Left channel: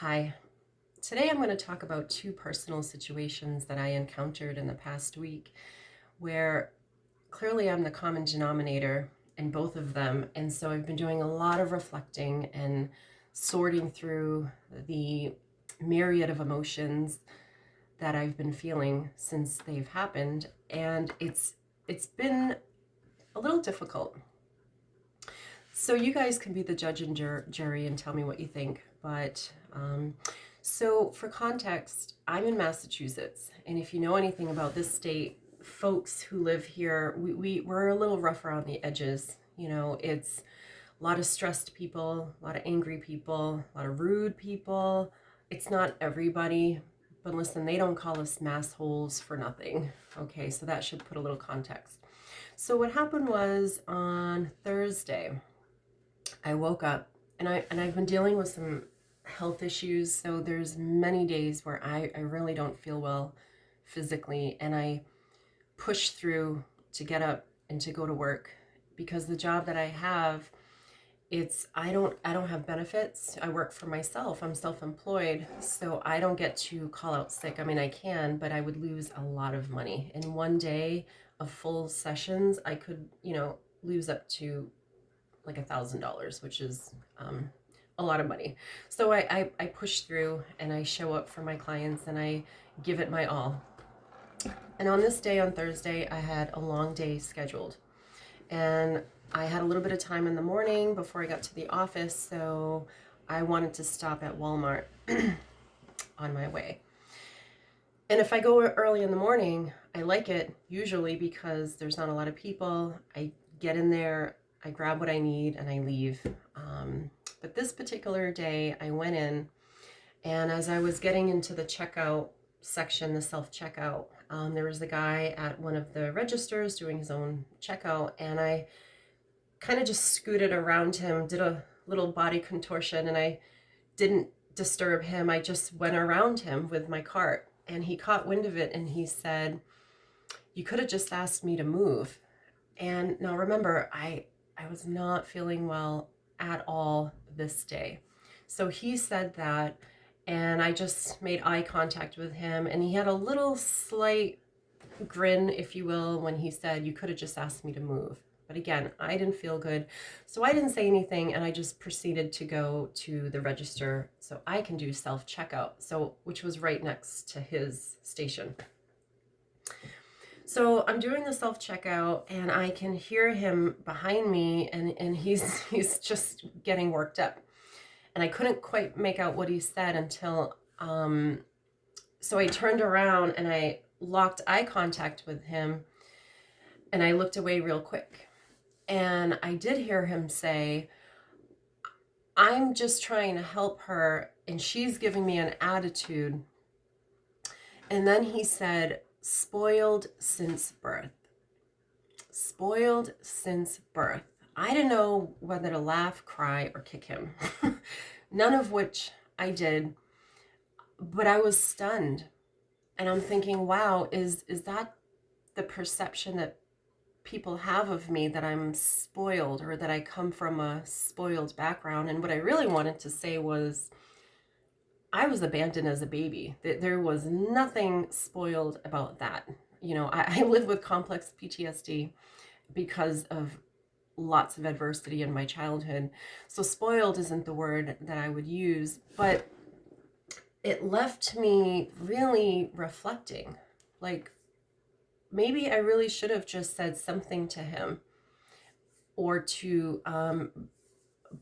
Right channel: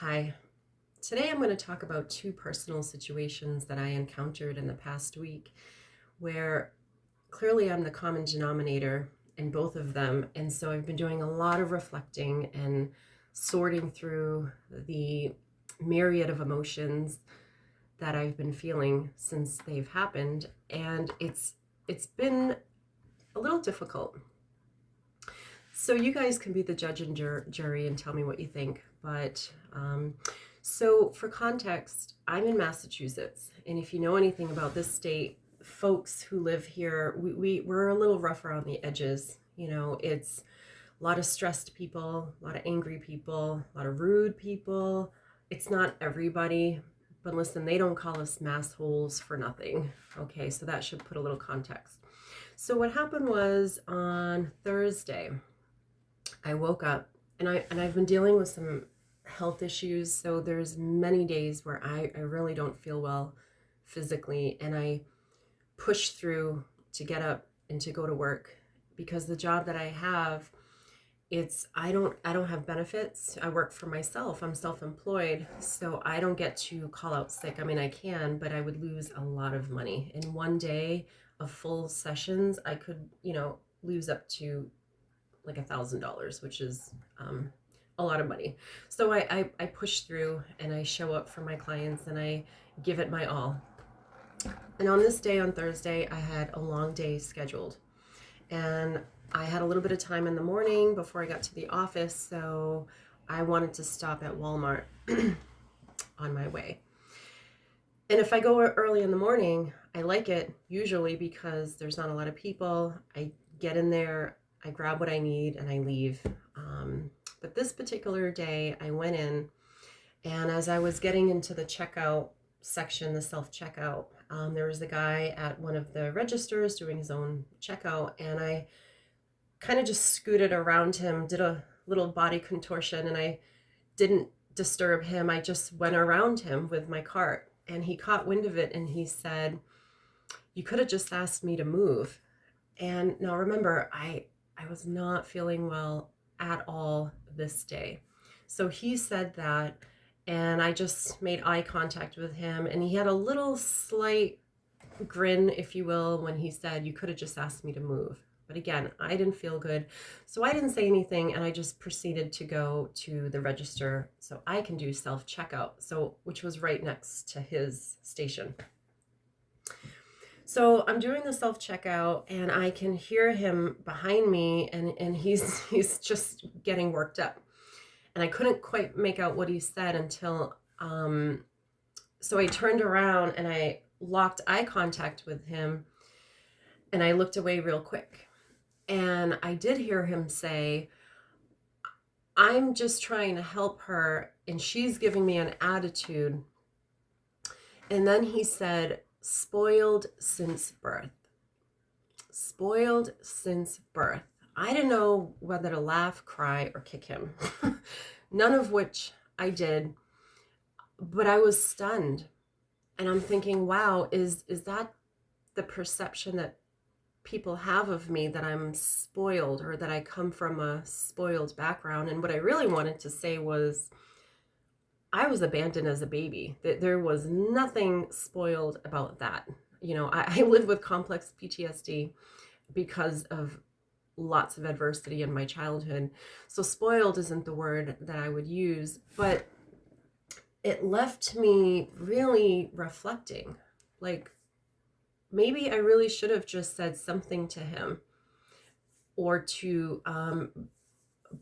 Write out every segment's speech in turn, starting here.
Hi. Today I'm going to talk about two personal situations that I encountered in the past week where clearly I'm the common denominator in both of them. And so I've been doing a lot of reflecting and sorting through the myriad of emotions that I've been feeling since they've happened. And it's been a little difficult. So you guys can be the judge and jury and tell me what you think. So for context, I'm in Massachusetts, and if you know anything about this state, folks who live here, we're a little rough around the edges. It's a lot of stressed people, a lot of angry people, a lot of rude people. It's not everybody, but listen, they don't call us massholes for nothing. Okay, so that should put a little context. So what happened was on Thursday, I woke up and I've been dealing with some health issues. So there's many days where I really don't feel well physically, and I push through to get up and to go to work because the job that I have, I don't have benefits. I work for myself. I'm self-employed, so I don't get to call out sick. I mean, I can, but I would lose a lot of money. In one day of full sessions, I could, lose up to like $1,000, which is a lot of money. So I push through and I show up for my clients and I give it my all. And on this day, on Thursday, I had a long day scheduled. And I had a little bit of time in the morning before I got to the office, so I wanted to stop at Walmart on my way. And if I go early in the morning, I like it usually because there's not a lot of people. I get in there, I grab what I need, and I leave. But this particular day, I went in, and as I was getting into the checkout section, the self-checkout, there was a guy at one of the registers doing his own checkout, and I kind of just scooted around him, did a little body contortion, and I didn't disturb him. I just went around him with my cart, and he caught wind of it, and he said, "You could have just asked me to move." And now remember, I was not feeling well at all this day. So he said that, and I just made eye contact with him, and he had a little slight grin, if you will, when he said, "You could have just asked me to move." But again, I didn't feel good, so I didn't say anything, and I just proceeded to go to the register so I can do self-checkout, which was right next to his station. So I'm doing the self-checkout, and I can hear him behind me, and he's just getting worked up. And I couldn't quite make out what he said until so I turned around and I locked eye contact with him, and I looked away real quick. And I did hear him say, "I'm just trying to help her, and she's giving me an attitude." And then he said, "Spoiled since birth." Spoiled since birth. I didn't know whether to laugh, cry, or kick him. None of which I did, but I was stunned. And I'm thinking, wow, is that the perception that people have of me, that I'm spoiled or that I come from a spoiled background? And what I really wanted to say was I was abandoned as a baby. There was nothing spoiled about that. I live with complex PTSD because of lots of adversity in my childhood. So spoiled isn't the word that I would use, but it left me really reflecting. Like, maybe I really should have just said something to him, or to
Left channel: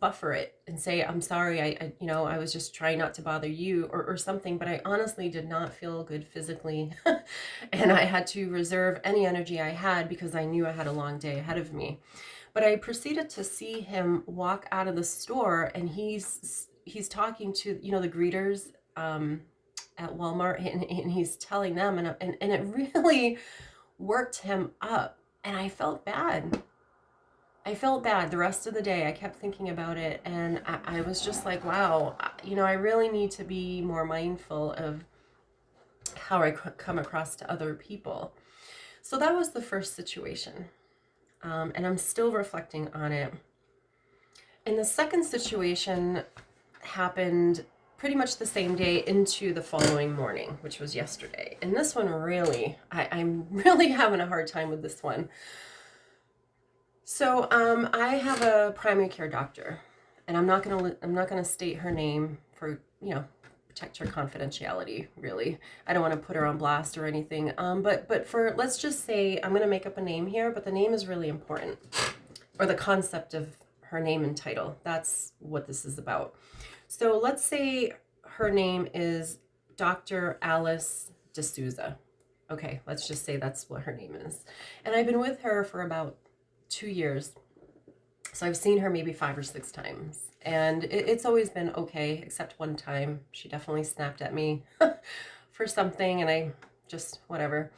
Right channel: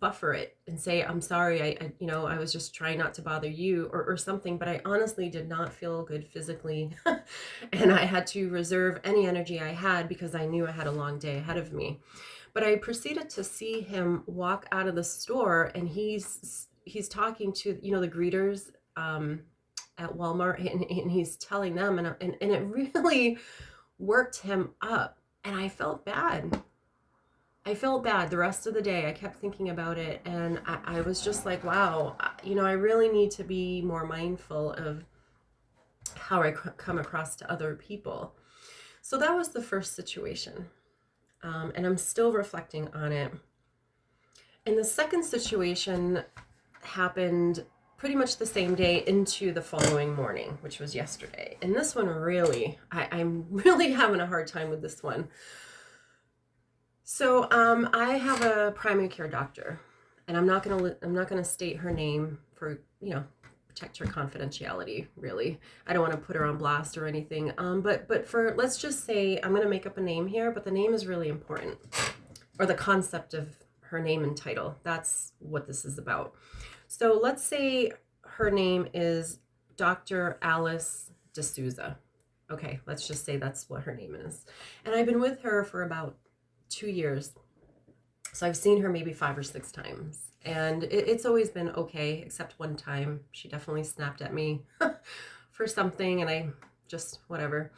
buffer it and say, "I'm sorry, I was just trying not to bother you," or something. But I honestly did not feel good physically. And I had to reserve any energy I had because I knew I had a long day ahead of me. But I proceeded to see him walk out of the store, and he's talking to, the greeters at Walmart, and he's telling them, and it really worked him up. And I felt bad. The rest of the day. I kept thinking about it, and I was just like, wow, I really need to be more mindful of how I come across to other people. So that was the first situation, and I'm still reflecting on it. And the second situation happened pretty much the same day into the following morning, which was yesterday. And this one really, I'm really having a hard time with this one. So I have a primary care doctor, and I'm not gonna state her name for, protect her confidentiality. Really, I don't want to put her on blast or anything. But for, let's just say, I'm gonna make up a name here, but the name is really important, or the concept of her name and title. That's what this is about. So let's say her name is Dr. Alice D'Souza. Okay, let's just say that's what her name is. And I've been with her for about 2 years. So I've seen her maybe 5 or 6 times. And it's always been okay, except one time she definitely snapped at me for something, and I just, whatever.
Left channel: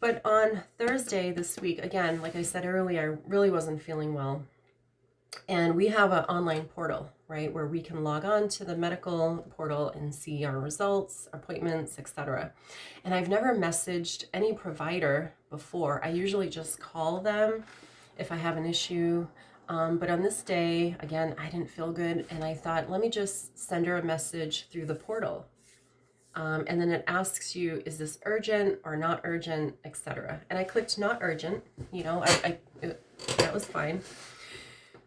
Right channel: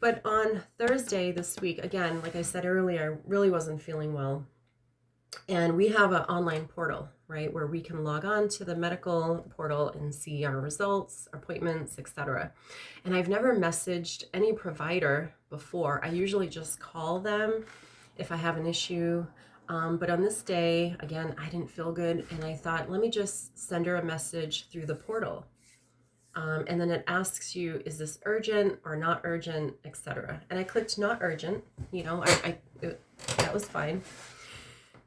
But on Thursday this week, again, like I said earlier, I really wasn't feeling well. And we have an online portal, right, where we can log on to the medical portal and see our results, appointments, etc. And I've never messaged any provider before. I usually just call them if I have an issue. But on this day, again, I didn't feel good, and I thought, let me just send her a message through the portal. And then it asks you, is this urgent or not urgent, etc. And I clicked not urgent, that was fine.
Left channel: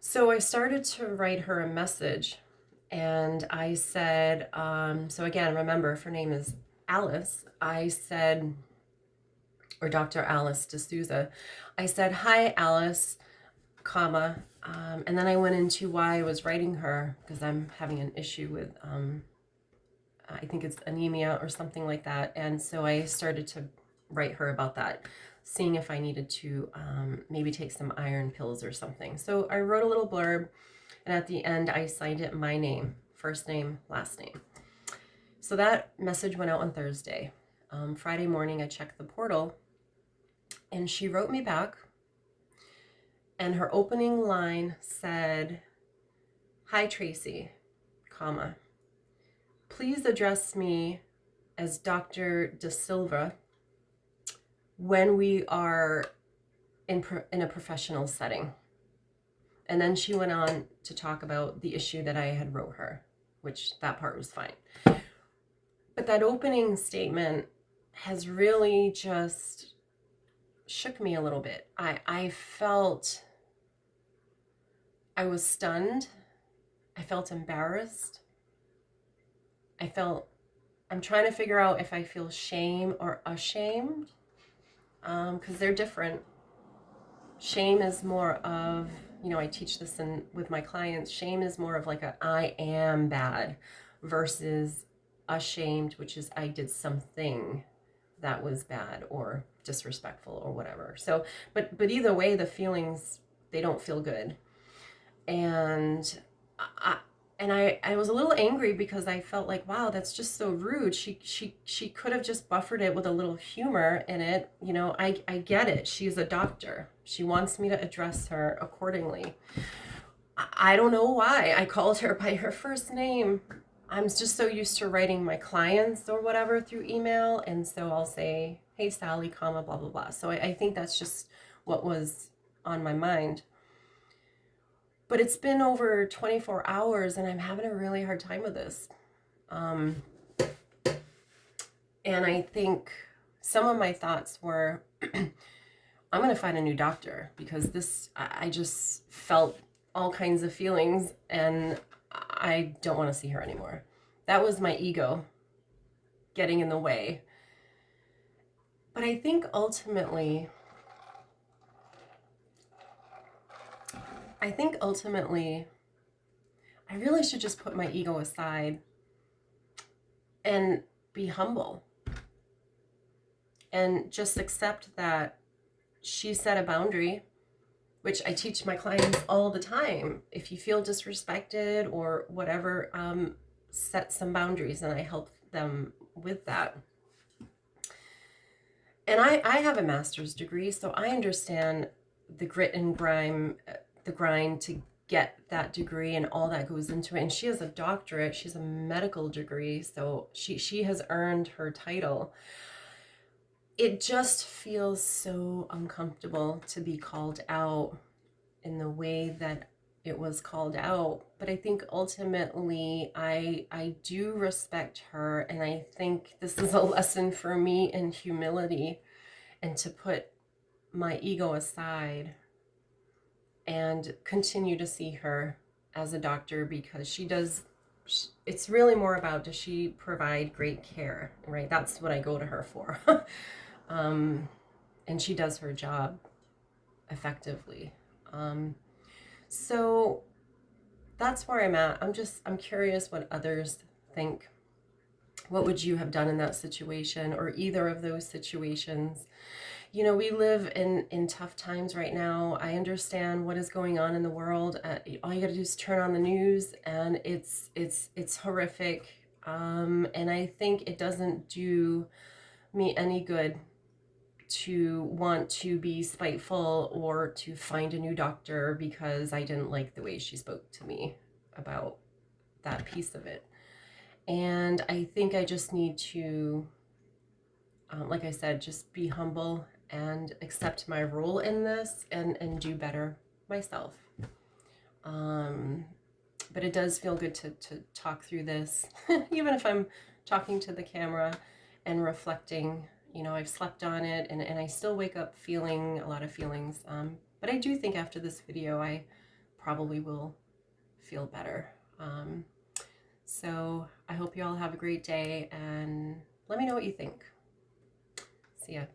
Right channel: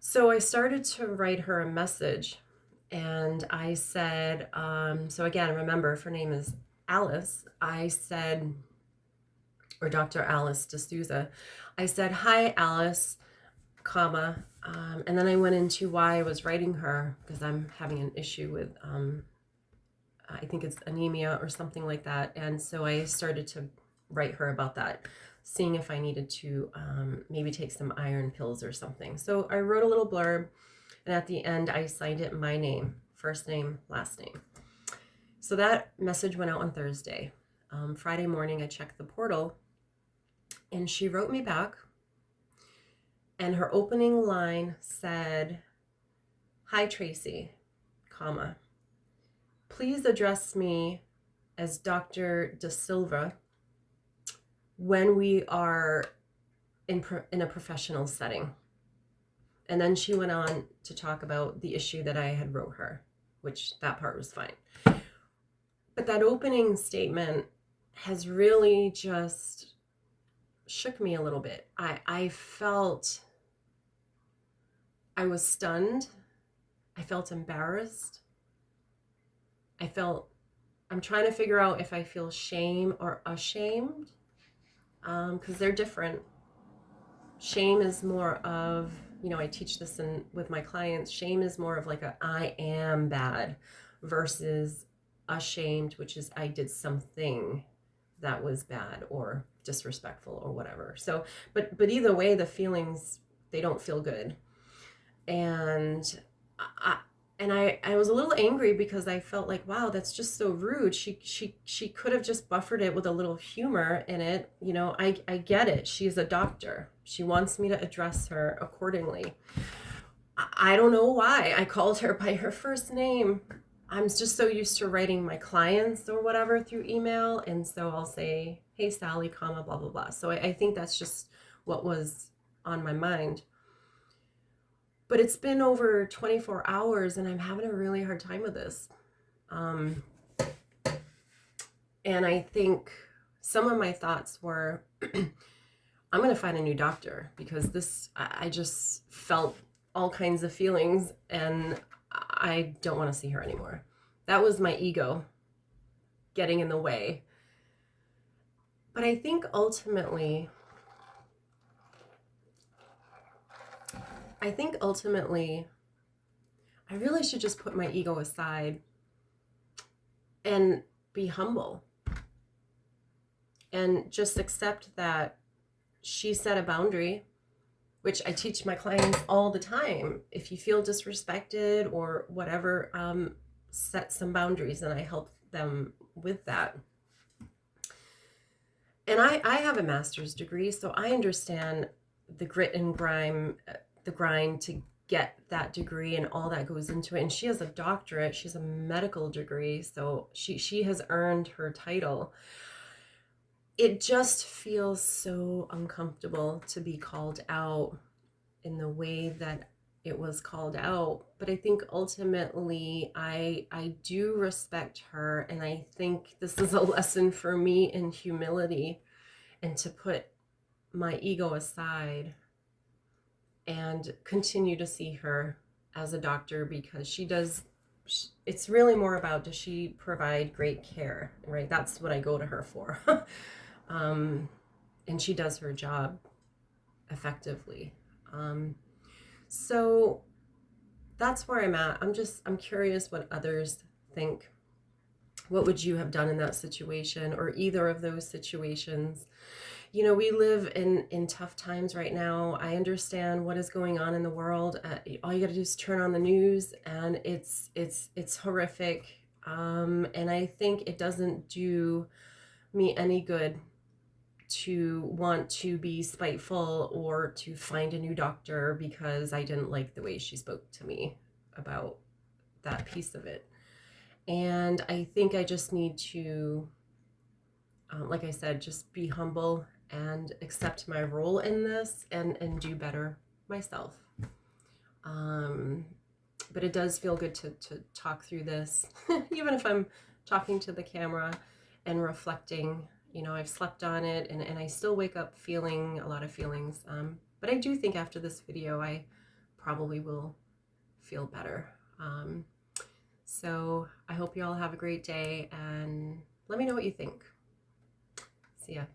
So I started to write her a message, and I said, so again, remember, if her name is Alice, I said, or Dr. Alice D'Souza, I said, hi, Alice, comma, and then I went into why I was writing her, because I'm having an issue with, I think it's anemia or something like that. And so I started to write her about that, seeing if I needed to maybe take some iron pills or something. So I wrote a little blurb, and at the end I signed it my name, first name, last name. So that message went out on Thursday. Friday morning I checked the portal, and she wrote me back, and her opening line said, hi Tracy, comma, please address me as Dr. Da Silva when we are in a professional setting. And then she went on to talk about the issue that I had wrote her, which that part was fine. But that opening statement has really just shook me a little bit. I felt, I was stunned. I felt embarrassed. I'm trying to figure out if I feel shame or ashamed, because they're different. Shame is more of, I teach this with my clients. Shame is more of like a I am bad, versus ashamed, which is I did something that was bad or disrespectful or whatever. So, but either way, the feelings, they don't feel good. And I was a little angry, because I felt like, wow, that's just so rude. She could have just buffered it with a little humor in it. I get it. She's a doctor. She wants me to address her accordingly. I don't know why I called her by her first name. I'm just so used to writing my clients or whatever through email. And so I'll say, hey, Sally, comma, blah, blah, blah. So I think that's just what was on my mind. But it's been over 24 hours, and I'm having a really hard time with this. And I think some of my thoughts were, I'm going to find a new doctor, because I just felt all kinds of feelings, and I don't want to see her anymore. That was my ego getting in the way. But I think ultimately, I really should just put my ego aside and be humble, and just accept that she set a boundary, which I teach my clients all the time. If you feel disrespected or whatever, set some boundaries, and I help them with that. And I have a master's degree, so I understand the grit and grime, the grind to get that degree and all that goes into it. And she has a doctorate, she's a medical degree, so she has earned her title. It just feels so uncomfortable to be called out in the way that it was called out. But I think ultimately I do respect her, and I think this is a lesson for me in humility and to put my ego aside and continue to see her as a doctor, because she does, it's really more about, does she provide great care, right? That's what I go to her for. um, and she does her job effectively. So that's where I'm at. I'm curious what others think. What would you have done in that situation, or either of those situations? You know, we live in tough times right now. I understand what is going on in the world. All you got to do is turn on the news, and it's horrific. And I think it doesn't do me any good to want to be spiteful or to find a new doctor because I didn't like the way she spoke to me about that piece of it. And I think I just need to, like I said, just be humble and accept my role in this, and do better myself. But it does feel good to talk through this, even if I'm talking to the camera and reflecting. You know, I've slept on it, and I still wake up feeling a lot of feelings. But I do think after this video, I probably will feel better. So I hope you all have a great day, and let me know what you think. See ya.